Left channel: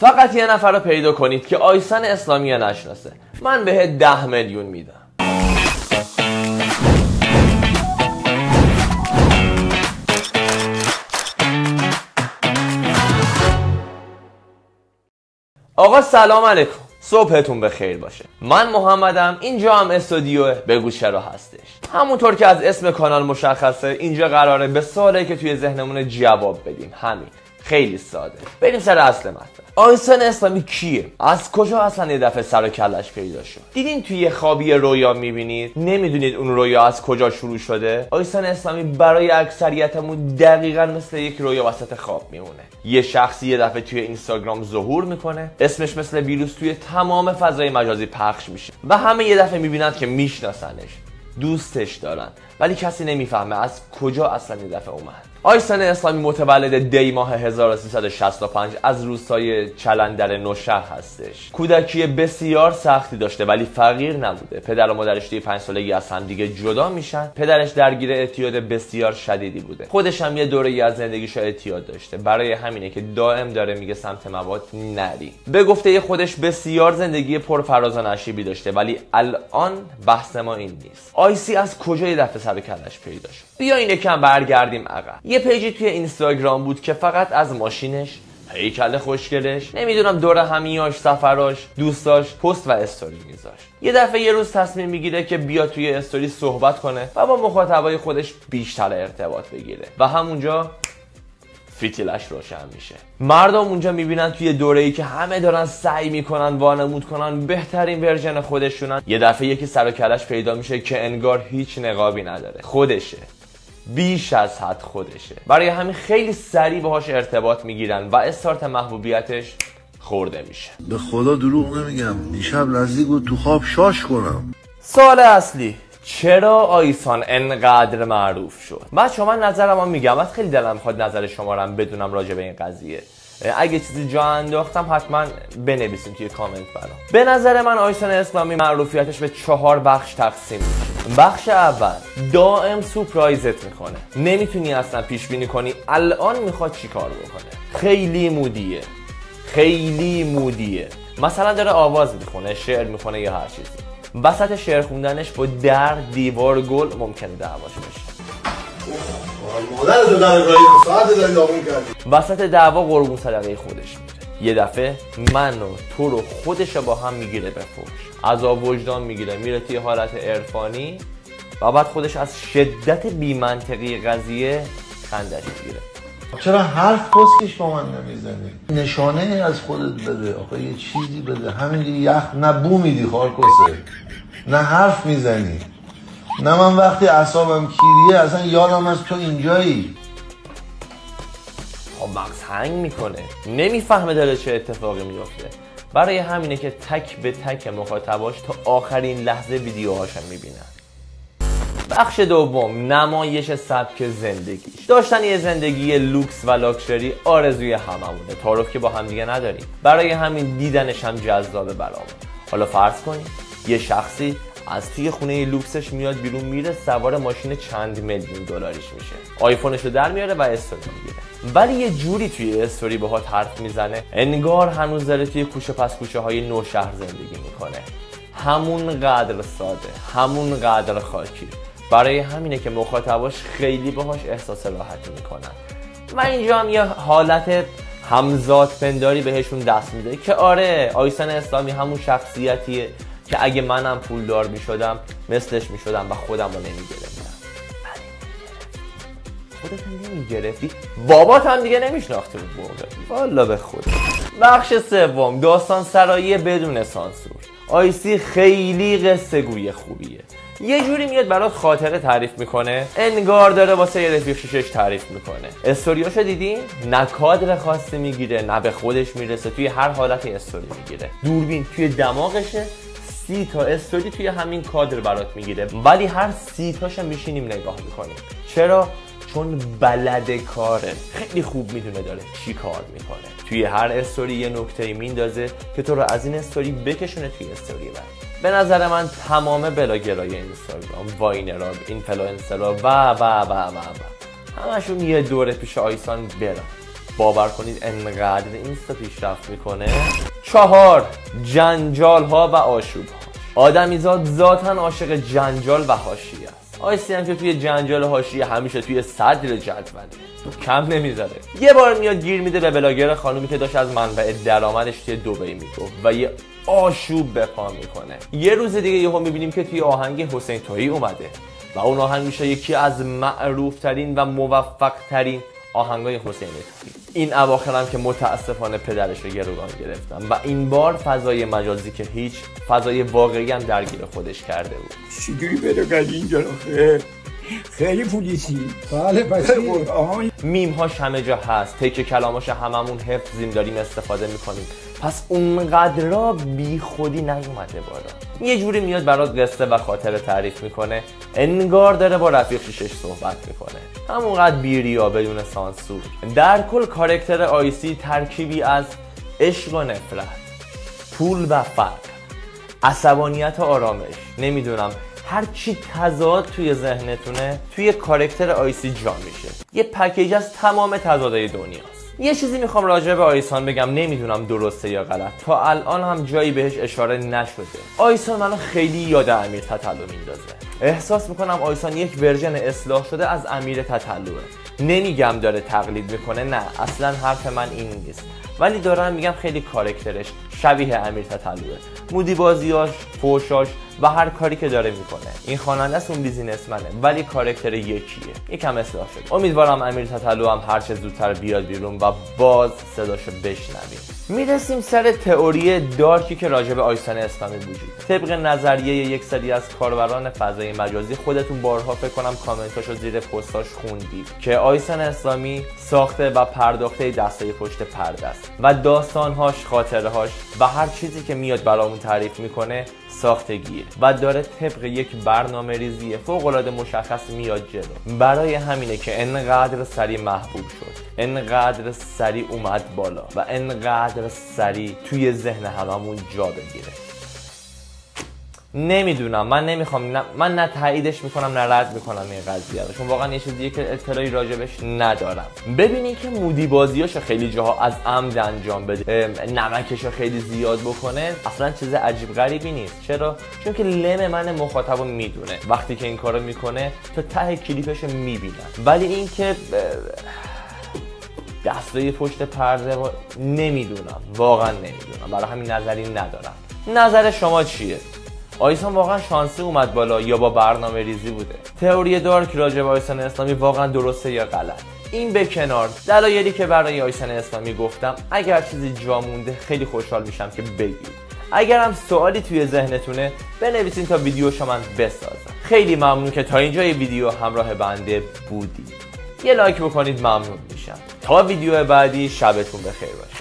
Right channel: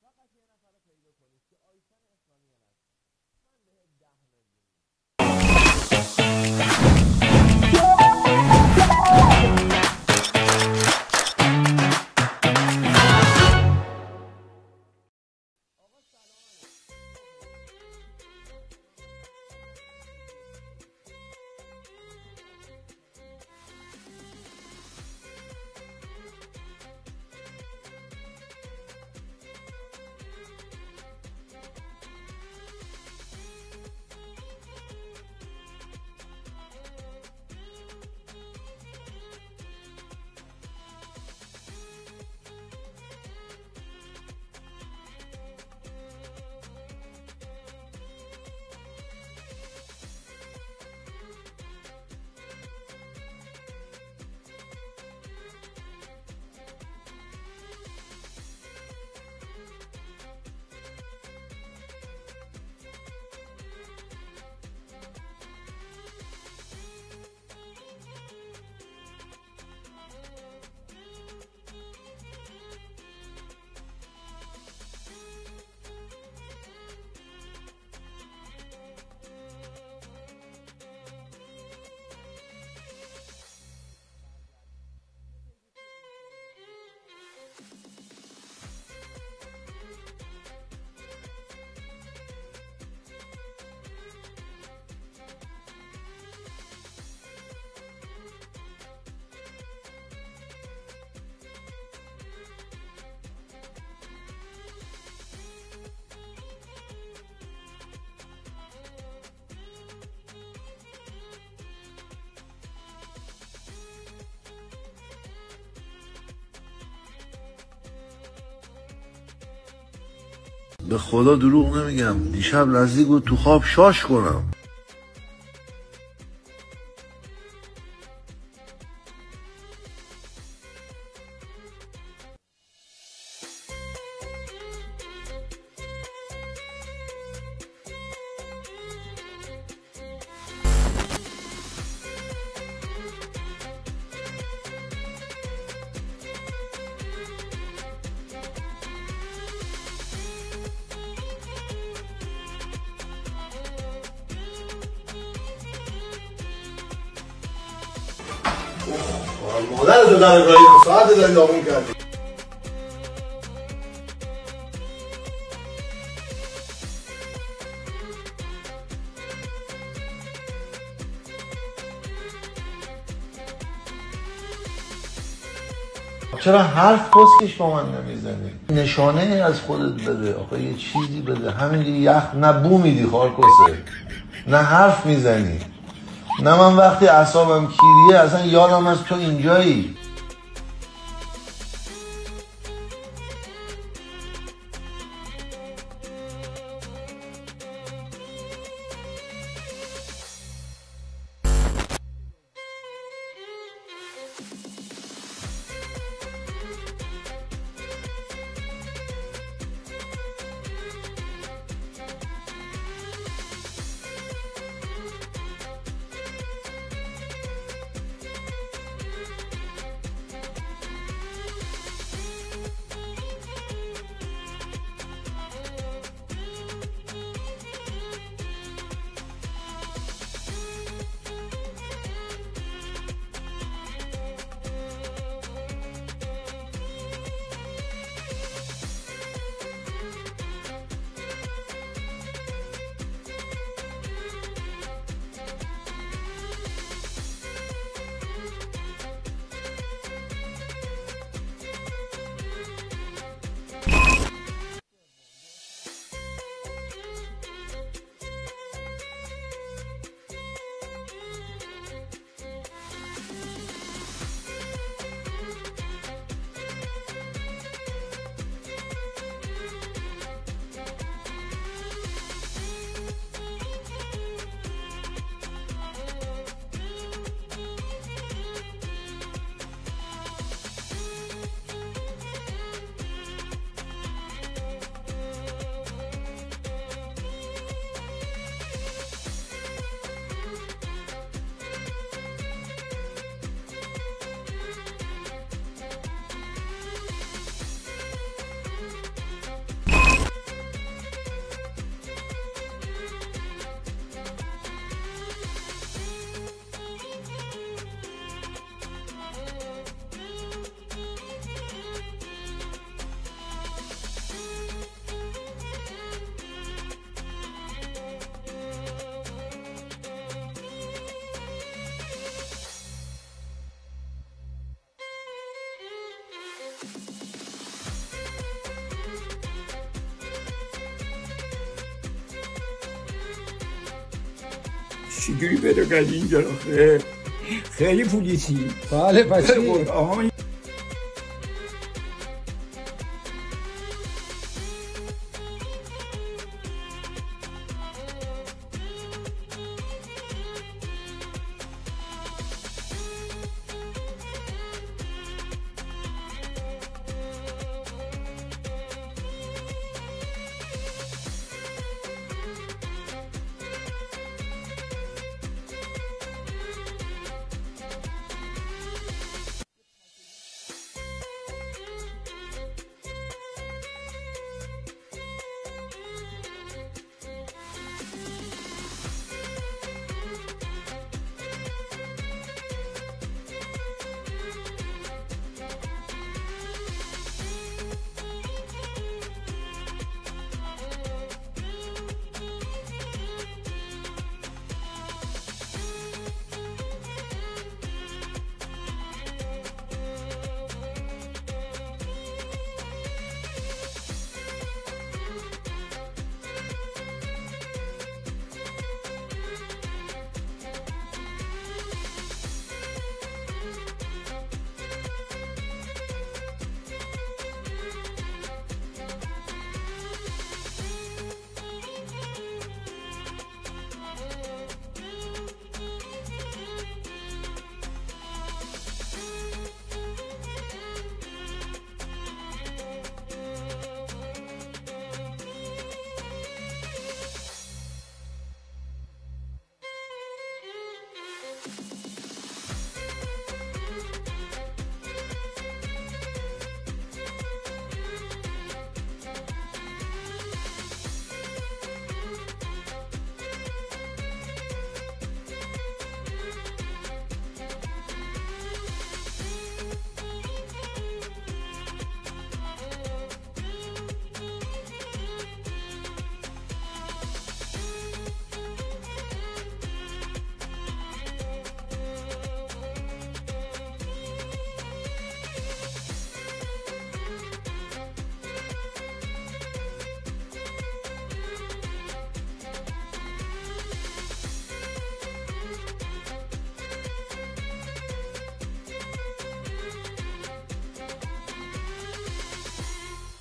فقط یه نفر رو پیدا کنید که آیسان اسلامی رو نشناسه، من بهت 10 میلیون میدم. آقا سلام علیکم، صبحتون بخیر باشه. من محمدم، اینجا هم استودیو بگو چرا هستش. همونطور که از اسم کانال مشخصه، اینجا قراره به سوالی که توی ذهنمون جواب بدیم. همین، خیلی ساده. بریم سر اصل مطلب. آیسان اسلامی کیه؟ از کجا اصلا یه دفعه سر و کلش پیدا شد؟ دیدین توی خوابی رویا میبینید، نمیدونید اون رویا از کجا شروع شده؟ آیسان اسلامی برای اکثریتمون دقیقاً مثل یک رویا وسط خواب میمونه. یه شخصی یه دفعه توی اینستاگرام ظهور میکنه، اسمش مثل ویروس توی تمام فضای مجازی پخش میشه و همه یه دفعه میبینند که میشناسنش، دوستش دارن، ولی کسی نمیفهمه از کجا اصلا یه دفعه اومد. آیسان اسلامی متولد دی ماه 1365 از روستای چلندر نوشهر هستش. کودکی بسیار سختی داشته ولی فقیر نبوده. پدر و مادرش توی 5 سالگی از هم دیگه جدا میشن. پدرش درگیر اعتیاد بسیار شدیدی بوده. خودش هم یه دوره‌ای از زندگیش اعتیاد داشته. برای همینه که دائم داره میگه سمت مواد نری. به گفته خودش بسیار زندگی پر فراز و نشیبی داشته، ولی الان بحث ما این نیست. آیسی از کجا یه دفعه سر کلش پیدا شد؟ بیاین یکم برگردیم عقب. یه پیجی توی اینستاگرام بود که فقط از ماشینش، هیکل خوشگلش، نمیدونم دور همیاش، سفراش، دوستاش پست و استوری میذاشت. یه دفعه یه روز تصمیم میگیره که بیا توی استوری صحبت کنه و با مخاطبای خودش بیشتر ارتباط بگیره و همونجا فتیلش روشن میشه. مردم اونجا میبینن توی دوره‌ای که همه دارن سعی میکنن وانمود کنن بهترین ورژن خودشونن، یه دفعه یکی سر و کلش پیدا میشه که انگار هیچ نقابی نداره، خودشه، بیش از حد خودشه. برای همین خیلی سریع باهاش ارتباط میگیرن و استارت محبوبیتش خورده میشه. به خدا دروغ نمیگم، دیشب نزدیک بود تو خواب شاش کنم. سوال اصلی، چرا آیسان انقدر معروف شد؟ بچه‌ها من نظرمو میگم، از خیلی دلم میخواد نظر شما رو هم بدونم راجع به این قضیه. اگه چیزی جا انداختم حتما بنویسین توی کامنت برام. به نظر من آیسان اسلامی معروفیتش به 4 بخش تقسیم میشه. بخش اول، دائم سورپرایزت میکنه. نمیتونی اصلا پیش بینی کنی الان میخواد چی کار بکنه. خیلی مودیه. مثلا داره آواز میخونه، شعر میخونه یا هر چیزی. وسط شعر خوندنش با در، دیوار، گل ممکنه دعواش بشه. مادرتو در گاهی ساعت داری داغون کردی. وسط دعوا قربون صدقه خودش میره. یه دفعه من و تو رو خودش با هم میگیره به فحش. عذاب وجدان میگیره، میره توی حالت عرفانی و بعد خودش از شدت بی‌منطقی قضیه خندش میگیره. چرا حرف کسکش با من نمیزنی؟ نشانه از خودت بده، آخه یه چیزی بده. همین یخ نه بو میدی خالکسه، نه حرف میزنی، نه من وقتی اعصابم کیریه اصلا یادم از تو اینجایی. مغز هنگ میکنه، نمیفهمه داره چه اتفاقی میفته. برای همینه که تک به تک مخاطباش تا آخرین لحظه ویدیوهاش میبینن. بخش دوم، نمایش سبک زندگی. داشتن یه زندگی لوکس و لاکچری آرزوی هممونه، تعارف که با هم دیگه نداریم. برای همین دیدنش هم جذابه برامون. حالا فرض کنید یه شخصی از توی خونه لوکسش میاد بیرون، میره سوار ماشین چند میلیون دلاریش میشه، آیفونش رو در میاره و استوری میگیره، ولی یه جوری توی استوری باهات حرف میزنه انگار هنوز داره توی کوچه پس کوچه های نوشهر زندگی میکنه. همون قدر ساده، همون قدر خاکی. برای همینه که مخاطباش خیلی باهاش احساس راحتی میکنن و اینجا هم یه حالت همزاد پنداری بهشون دست میده که آره، آیسان اسلامی همون شخصیتیه که اگه منم پولدار میشدم مثلش میشدم و خودم رو نمیگرفتم. خودت نمیگرفتی؟ بابات هم دیگه نمیشناخته بود موقع. والا به خود. بخش سوم، داستان سرایی بدون سانسور. آیسی خیلی قصه گوی خوبیه. یه جوری میاد برات خاطره تعریف میکنه انگار داره واسه یه رفیق شیشش تعریف میکنه. استوریاشو دیدین؟ نه کادر خاصی میگیره، نه به خودش میرسه، توی هر حالتی استوری میگیره. دوربین توی دماغشه، 30 تا استوری توی همین کادر برات میگیره، ولی هر 30 تاشو میشینیم نگاه میکنیم. چرا؟ چون بلد کاره، خیلی خوب میدونه داره چی کار میکنه. توی هر استوری یه نکته میندازه که تو رو از این استوری بکشونه توی استوری بعد. به نظر من تمام بلاگرای اینستاگرام، واینرها، اینفلوئنسرها و همشون یه دوره پیش آیسان برن. باور کنید انقدر اینستا پیشرفت میکنه. 4 جنجال ها و آشوب ها. آدمیزاد ذاتاً عاشق جنجال و حاشیه است. آیسی هم که توی جنجال حاشیه همیشه توی صدر جدول کم نمیذاره. یه بار میاد گیر میده به بلاگر خانومی که داشت از منبع درآمدش توی دبی میگفت و یه آشوب به پا میکنه. یه روز دیگه یهو میبینیم که توی آهنگ حسین تویی اومده و اون آهنگ میشه یکی از معروف ترین و موفق ترین آهنگای حسین تویی. این اواخر هم که متاسفانه پدرش رو گروگان گرفتن و این بار فضای مجازی که هیچ، فضای واقعی هم درگیر خودش کرده بود. چجوری پیدا کردی اینجا رو؟ خیلی پولیسی. بله میم هاش همه جا هست، تکه کلاماش هممون حفظیم، داریم استفاده میکنیم. پس اونقدر را بی خودی نیومده بالا. یه جوری میاد برات قصه و خاطره تعریف میکنه انگار داره با رفیق شیشش صحبت میکنه، همونقدر بیریا بدون سانسور. در کل کاراکتر آیسی ترکیبی از عشق و نفرت، پول و فقر، عصبانیت و آرامش، نمیدونم هر چی تضاد توی ذهنتونه توی کاراکتر آیسی جا میشه. یه پکیج از تمام تضادهای دنیاست. یه چیزی میخوام راجع به آیسان بگم، نمیدونم درسته یا غلط، تا الان هم جایی بهش اشاره نشده. آیسان منو خیلی یاد امیر تتلو میندازه. احساس میکنم آیسان یک ورژن اصلاح شده از امیر تتلوه. نمیگم داره تقلید میکنه، نه اصلا حرف من این نیست، ولی دارم میگم خیلی کاراکترش شبیه امیر تتلوه. مودی بازیاش، فوشاش و هر کاری که داره میکنه. این خواننده است، اون بیزینسمنه، ولی کاراکتر یکیه. یکم اصلاح شده. امیدوارم امیر تتلو هم هر چه زودتر بیاد بیرون و باز صداشو بشنویم. میرسیم سر تئوری دارکی که راجع به آیسان اسلامی وجود. طبق نظریه یک سری از کاربران فضای مجازی، خودتون بارها فکر کنم کامنتاشو زیر پستاش خوندید که آیسان اسلامی ساخته و پرداخته دستای پشت پرده است و داستانهاش، خاطرهاش و هر چیزی که میاد برامون تعریف میکنه ساختگیه و داره طبق یک برنامه ریزی فوق‌العاده مشخص میاد جلو. برای همینه که انقدر سریع محبوب شد، انقدر سریع اومد بالا و انقدر سریع توی ذهن هممون جا بگیره. نمیدونم، من نمیخوام، من نه تاییدش میکنم نه رد میکنم این قضیه رو، چون واقعا یه چیزیه که اطلاعی راجبش ندارم. ببینید که مودی بازیاشو خیلی جاها از عمد انجام بده، نمکشو خیلی زیاد بکنه، اصلا چیز عجیب غریبی نیست. چرا؟ چون که لم من مخاطبو میدونه وقتی که این کارو میکنه تا ته کلیپشو میبینم. ولی این که دستای پشت پرده نمیدونم، واقعا نمیدونم، برای همین نظری ندارم. نظر شما چیه؟ آیسان واقعا شانسی اومد بالا یا با برنامه ریزی بوده؟ تئوری دارک راجع به آیسان اسلامی واقعا درسته یا غلط؟ این به کنار، دلایلی که برای آیسان اسلامی گفتم، اگر چیزی جا مونده خیلی خوشحال میشم که بگید. اگر هم سوالی توی ذهنتونه بنویسین تا ویدیوشو من بسازم. خیلی ممنون که تا اینجای ویدیو همراه بنده بودید. یه لایک بکنید ممنون میشم. تا ویدیو بعدی شبتون بخیر باشه.